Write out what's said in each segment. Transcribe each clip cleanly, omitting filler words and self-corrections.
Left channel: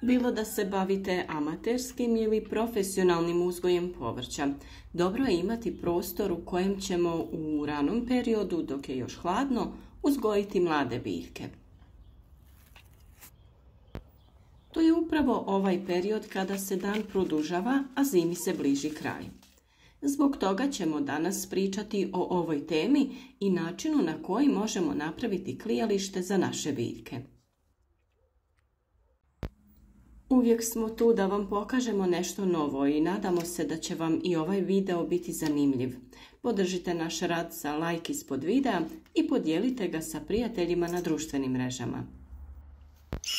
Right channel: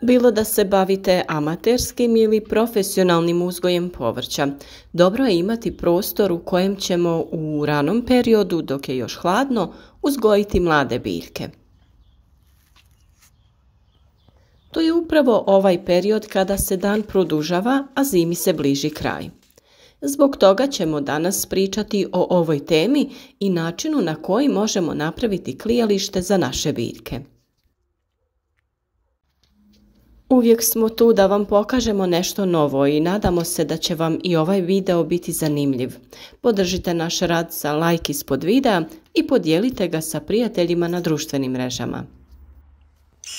Bilo da se bavite amaterskim ili profesionalnim uzgojem povrća, dobro je imati prostor u kojem ćemo u ranom periodu, dok je još hladno, uzgojiti mlade biljke. To je upravo ovaj period kada se dan produžava, a zimi se bliži kraj. Zbog toga ćemo danas pričati o ovoj temi i načinu na koji možemo napraviti klijalište za naše biljke. Uvijek smo tu da vam pokažemo nešto novo i nadamo se da će vam i ovaj video biti zanimljiv. Podržite naš rad sa like ispod videa i podijelite ga sa prijateljima na društvenim mrežama.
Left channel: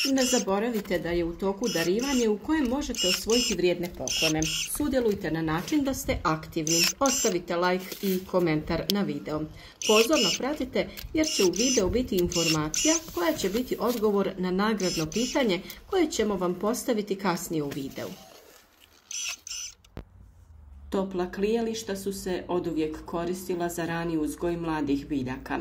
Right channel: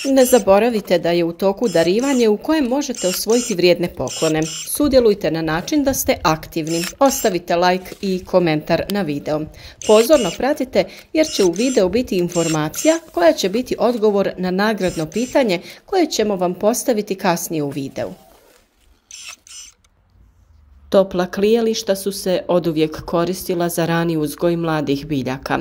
Ne zaboravite da je u toku darivanje u kojem možete osvojiti vrijedne poklone. Sudjelujte na način da ste aktivni. Ostavite like i komentar na video. Pozorno pratite jer će u videu biti informacija koja će biti odgovor na nagradno pitanje koje ćemo vam postaviti kasnije u videu. Topla klijališta su se oduvijek koristila za rani uzgoj mladih biljaka,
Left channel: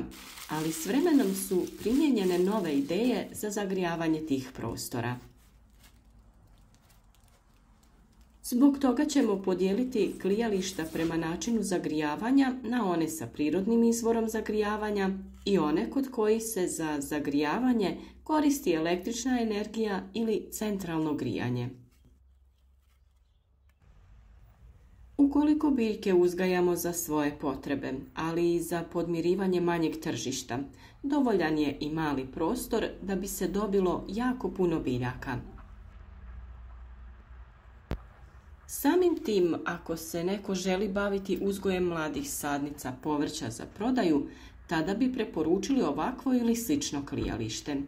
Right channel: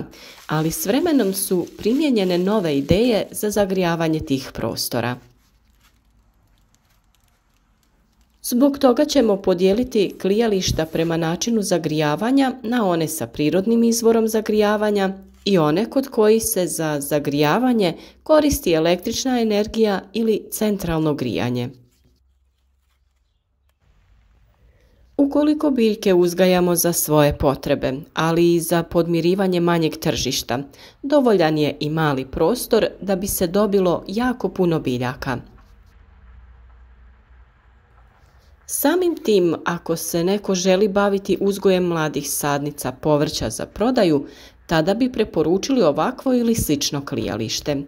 ali s vremenom su primijenjene nove ideje za zagrijavanje tih prostora. Zbog toga ćemo podijeliti klijališta prema načinu zagrijavanja na one sa prirodnim izvorom zagrijavanja i one kod kojih se za zagrijavanje koristi električna energija ili centralno grijanje. Ukoliko biljke uzgajamo za svoje potrebe, ali i za podmirivanje manjeg tržišta, dovoljan je i mali prostor da bi se dobilo jako puno biljaka. Samim tim, ako se neko želi baviti uzgojem mladih sadnica povrća za prodaju, tada bi preporučili ovakvo ili slično klijalište.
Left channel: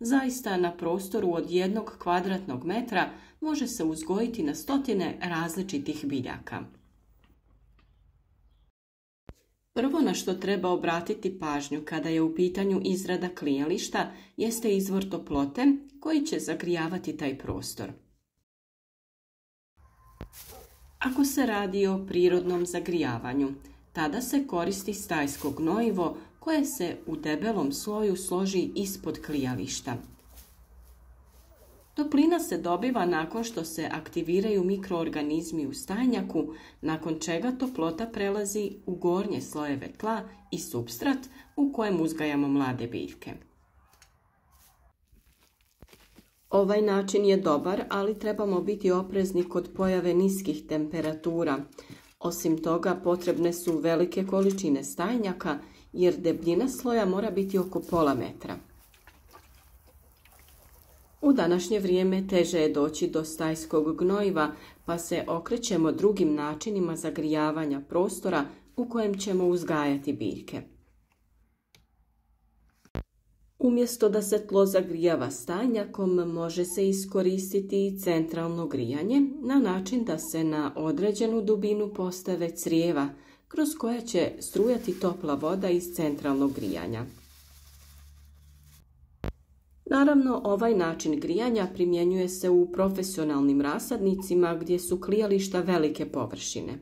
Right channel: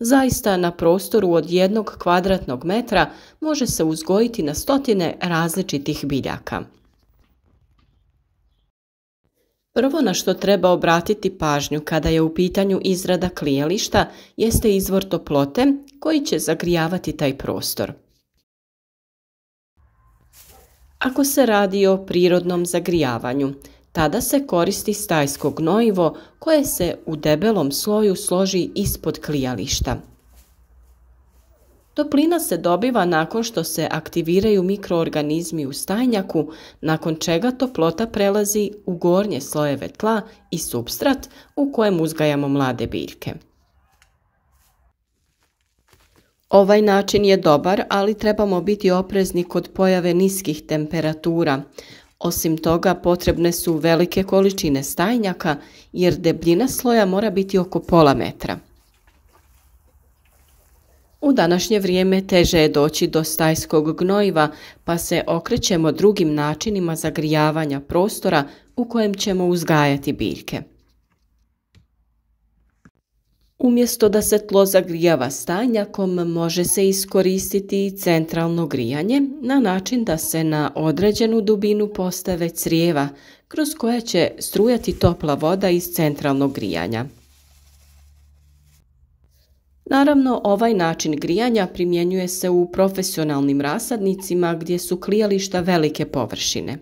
Zaista na prostoru od 1 kvadratnog metra može se uzgojiti na stotine različitih biljaka. Prvo na što treba obratiti pažnju kada je u pitanju izrada klijališta jeste izvor toplote koji će zagrijavati taj prostor. Ako se radi o prirodnom zagrijavanju, tada se koristi stajsko gnojivo koje se u debelom sloju složi ispod klijališta. Toplina se dobiva nakon što se aktiviraju mikroorganizmi u stajnjaku, nakon čega toplota prelazi u gornje slojeve tla i supstrat u kojem uzgajamo mlade biljke. Ovaj način je dobar, ali trebamo biti oprezni kod pojave niskih temperatura. Osim toga, potrebne su velike količine stajnjaka jer debljina sloja mora biti oko pola metra. U današnje vrijeme teže je doći do stajskog gnojiva, pa se okrećemo drugim načinima zagrijavanja prostora u kojem ćemo uzgajati biljke. Umjesto da se tlo zagrijava stajnjakom, može se iskoristiti centralno grijanje na način da se na određenu dubinu postave crijeva kroz koje će strujati topla voda iz centralnog grijanja. Naravno, ovaj način grijanja primjenjuje se u profesionalnim rasadnicima gdje su klijališta velike površine.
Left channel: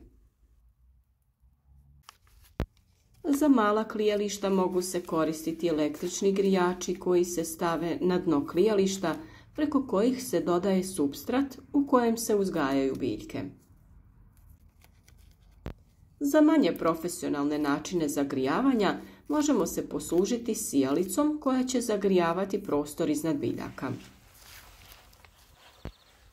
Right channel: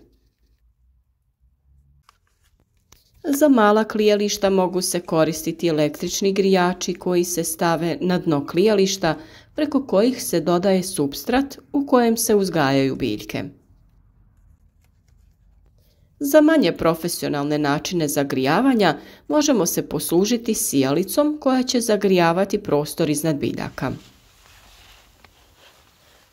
Za mala klijališta mogu se koristiti električni grijači koji se stave na dno klijališta preko kojih se dodaje supstrat u kojem se uzgajaju biljke. Za manje profesionalne načine zagrijavanja možemo se poslužiti sijalicom koja će zagrijavati prostor iznad biljaka.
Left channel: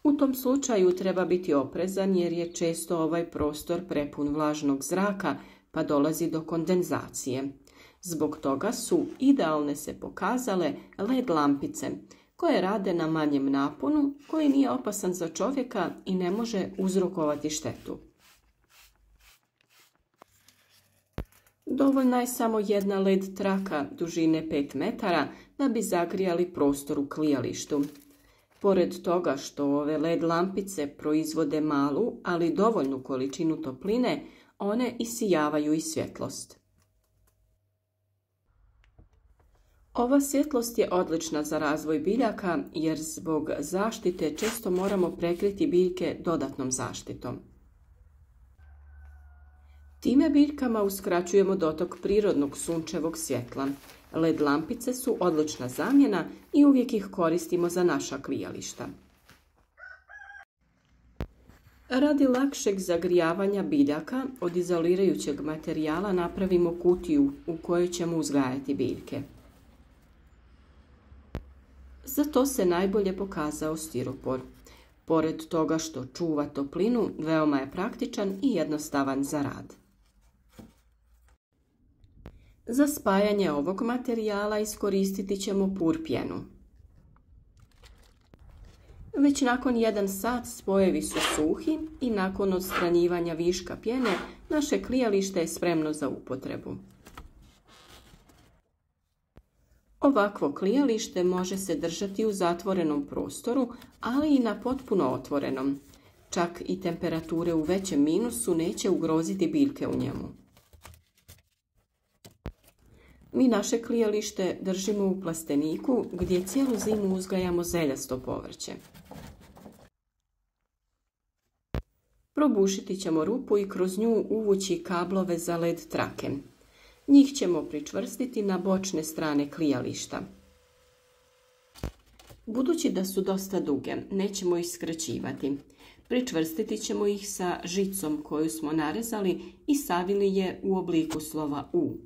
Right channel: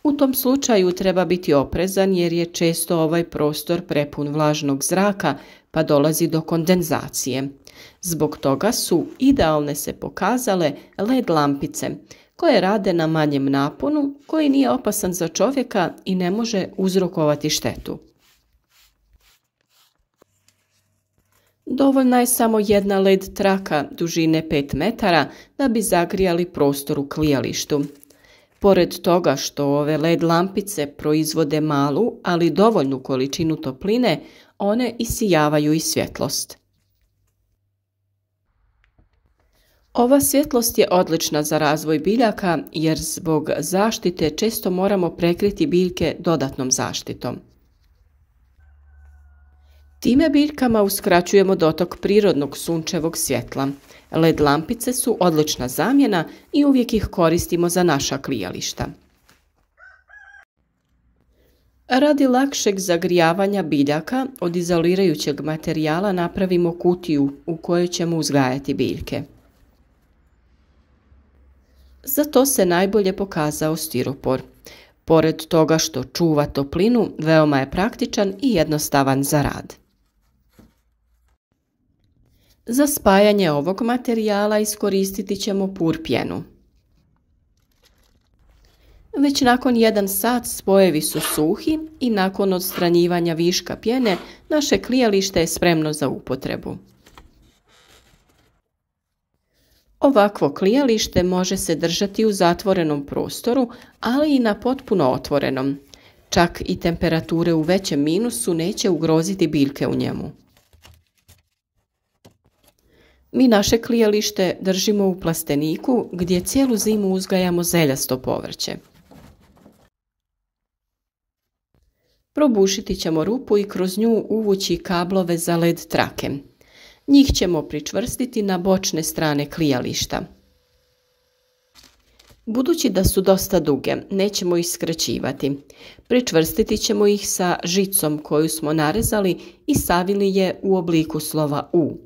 U tom slučaju treba biti oprezan jer je često ovaj prostor prepun vlažnog zraka pa dolazi do kondenzacije. Zbog toga su idealne se pokazale LED lampice koje rade na manjem naponu koji nije opasan za čovjeka i ne može uzrokovati štetu. Dovoljna je samo jedna LED traka dužine 5 metara da bi zagrijali prostor u klijalištu. Pored toga što ove LED lampice proizvode malu, ali dovoljnu količinu topline, one isijavaju i svjetlost. Ova svjetlost je odlična za razvoj biljaka jer zbog zaštite često moramo prekriti biljke dodatnom zaštitom. Time biljkama uskraćujemo dotok prirodnog sunčevog svjetla. LED lampice su odlična zamjena i uvijek ih koristimo za naša klijališta. Radi lakšeg zagrijavanja biljaka od izolirajućeg materijala napravimo kutiju u kojoj ćemo uzgajati biljke. Za to se najbolje pokazao stiropor. Pored toga što čuva toplinu, veoma je praktičan i jednostavan za rad. Za spajanje ovog materijala iskoristiti ćemo pur pjenu. Već nakon 1 sat spojevi su suhi i nakon odstranjivanja viška pjene naše klijalište je spremno za upotrebu. Ovakvo klijalište može se držati u zatvorenom prostoru, ali i na potpuno otvorenom. Čak i temperature u većem minusu neće ugroziti biljke u njemu. Mi naše klijalište držimo u plasteniku gdje cijelu zimu uzgajamo zeljasto povrće. Probušiti ćemo rupu i kroz nju uvući kablove za led trake. Njih ćemo pričvrstiti na bočne strane klijališta. Budući da su dosta duge, nećemo ih skraćivati. Pričvrstiti ćemo ih sa žicom koju smo narezali i savili je u obliku slova U.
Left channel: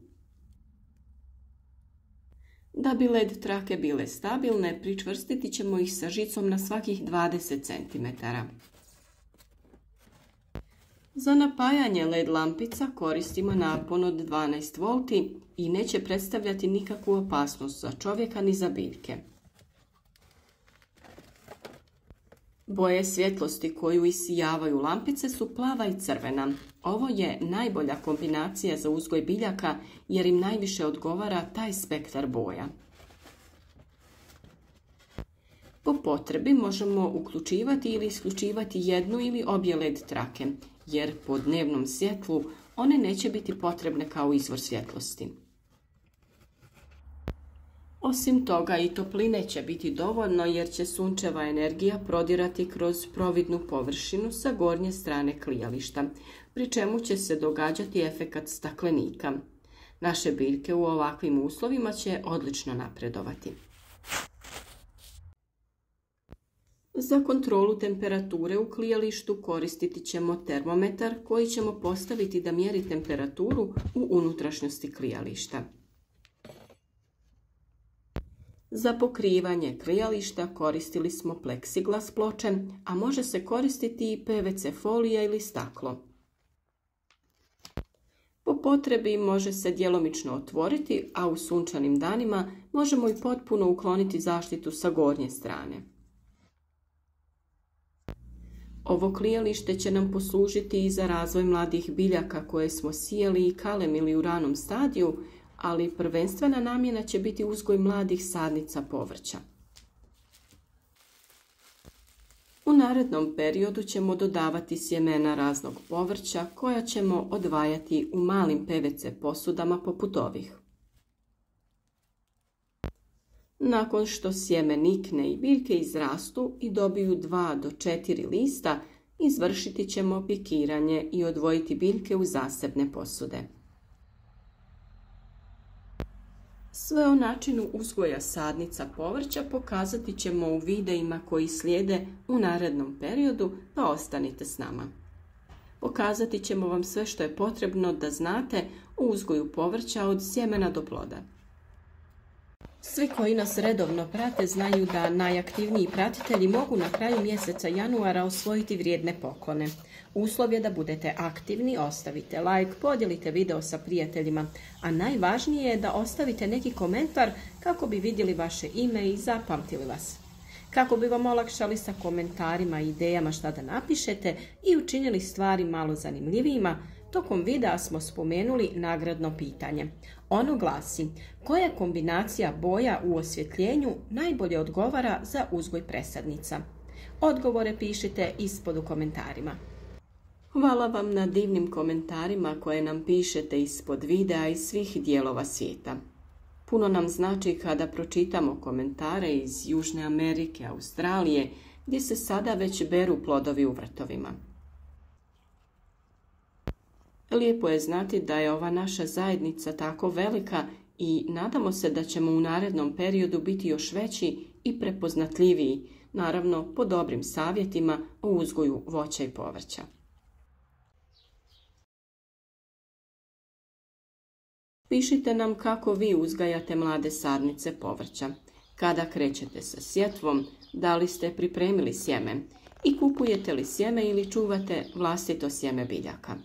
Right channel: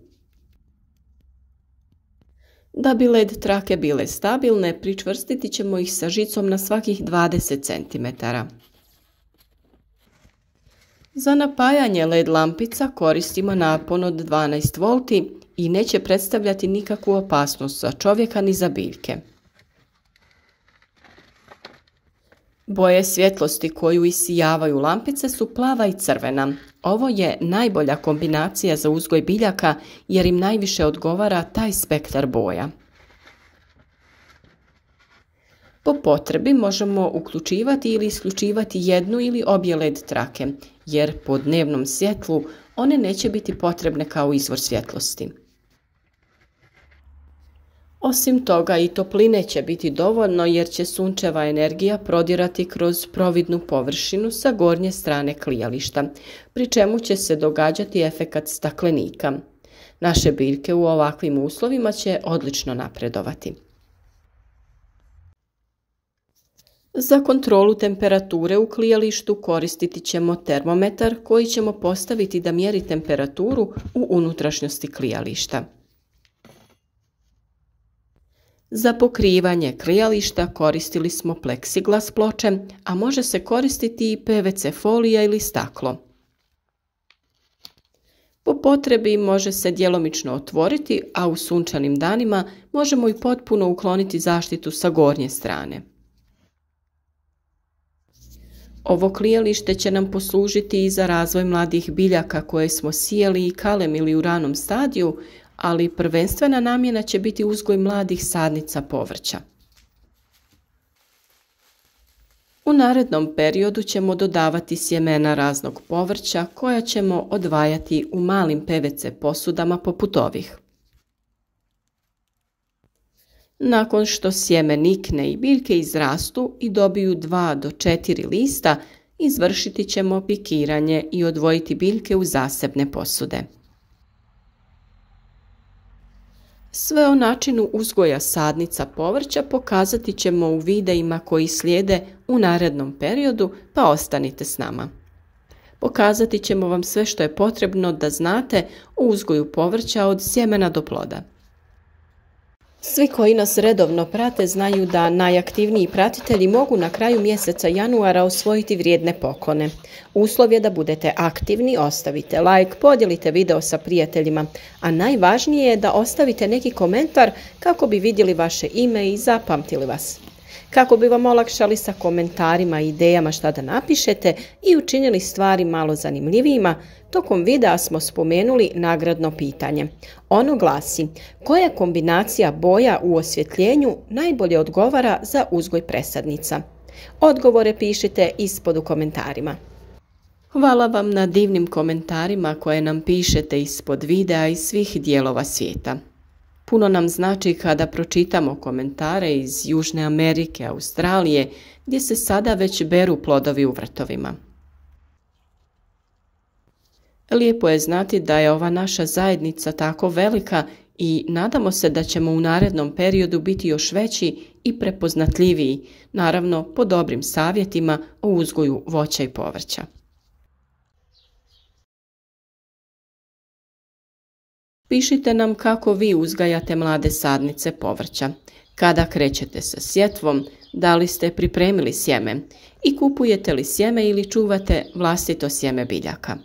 Da bi led trake bile stabilne, pričvrstiti ćemo ih sa žicom na svakih 20 cm. Za napajanje led lampica koristimo napon od 12 V i neće predstavljati nikakvu opasnost za čovjeka ni za biljke. Boje svjetlosti koju isijavaju lampice su plava i crvena. Ovo je najbolja kombinacija za uzgoj biljaka jer im najviše odgovara taj spektar boja. Po potrebi možemo uključivati ili isključivati jednu ili obje led trake, jer po dnevnom svjetlu one neće biti potrebne kao izvor svjetlosti. Osim toga i topline će biti dovoljno jer će sunčeva energija prodirati kroz providnu površinu sa gornje strane klijališta, pri čemu će se događati efekat staklenika. Naše biljke u ovakvim uslovima će odlično napredovati. Za kontrolu temperature u klijalištu koristiti ćemo termometar koji ćemo postaviti da mjeri temperaturu u unutrašnjosti klijališta. Za pokrivanje klijališta koristili smo pleksiglas ploče, a može se koristiti i PVC folija ili staklo. Po potrebi može se djelomično otvoriti, a u sunčanim danima možemo i potpuno ukloniti zaštitu sa gornje strane. Ovo klijalište će nam poslužiti i za razvoj mladih biljaka koje smo sijali i kalemili u ranom stadiju, ali prvenstvena namjena će biti uzgoj mladih sadnica povrća. U narednom periodu ćemo dodavati sjemena raznog povrća koja ćemo odvajati u malim PVC posudama poput ovih. Nakon što sjeme nikne i biljke izrastu i dobiju 2 do 4 lista, izvršiti ćemo pikiranje i odvojiti biljke u zasebne posude. Sve o načinu uzgoja sadnica povrća pokazati ćemo u videima koji slijede u narednom periodu, pa ostanite s nama. Pokazati ćemo vam sve što je potrebno da znate o uzgoju povrća od sjemena do ploda. Svi koji nas redovno prate znaju da najaktivniji pratitelji mogu na kraju mjeseca januara osvojiti vrijedne poklone. Uslov je da budete aktivni, ostavite like, podijelite video sa prijateljima, a najvažnije je da ostavite neki komentar kako bi vidjeli vaše ime i zapamtili vas. Kako bi vam olakšali sa komentarima i idejama šta da napišete i učinili stvari malo zanimljivijima, tokom videa smo spomenuli nagradno pitanje. Ono glasi: koja kombinacija boja u osvjetljenju najbolje odgovara za uzgoj presadnica? Odgovore pišite ispod u komentarima. Hvala vam na divnim komentarima koje nam pišete ispod videa iz svih dijelova svijeta. Puno nam znači kada pročitamo komentare iz Južne Amerike, Australije, gdje se sada već beru plodovi u vrtovima. Lijepo je znati da je ova naša zajednica tako velika i nadamo se da ćemo u narednom periodu biti još veći i prepoznatljiviji, naravno po dobrim savjetima o uzgoju voća i povrća. Pišite nam kako vi uzgajate mlade sadnice povrća, kada krećete sa sjetvom, da li ste pripremili sjeme i kupujete li sjeme ili čuvate vlastito sjeme biljaka.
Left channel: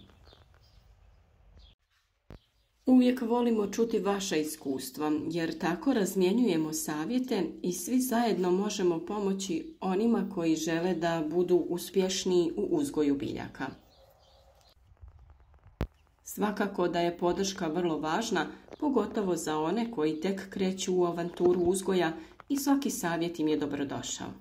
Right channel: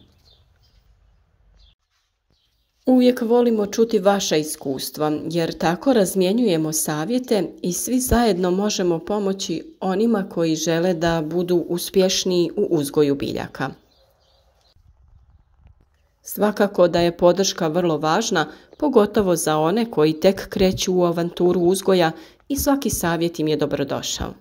Uvijek volimo čuti vaša iskustva, jer tako razmjenjujemo savjete i svi zajedno možemo pomoći onima koji žele da budu uspješniji u uzgoju biljaka. Svakako da je podrška vrlo važna, pogotovo za one koji tek kreću u avanturu uzgoja i svaki savjet im je dobrodošao.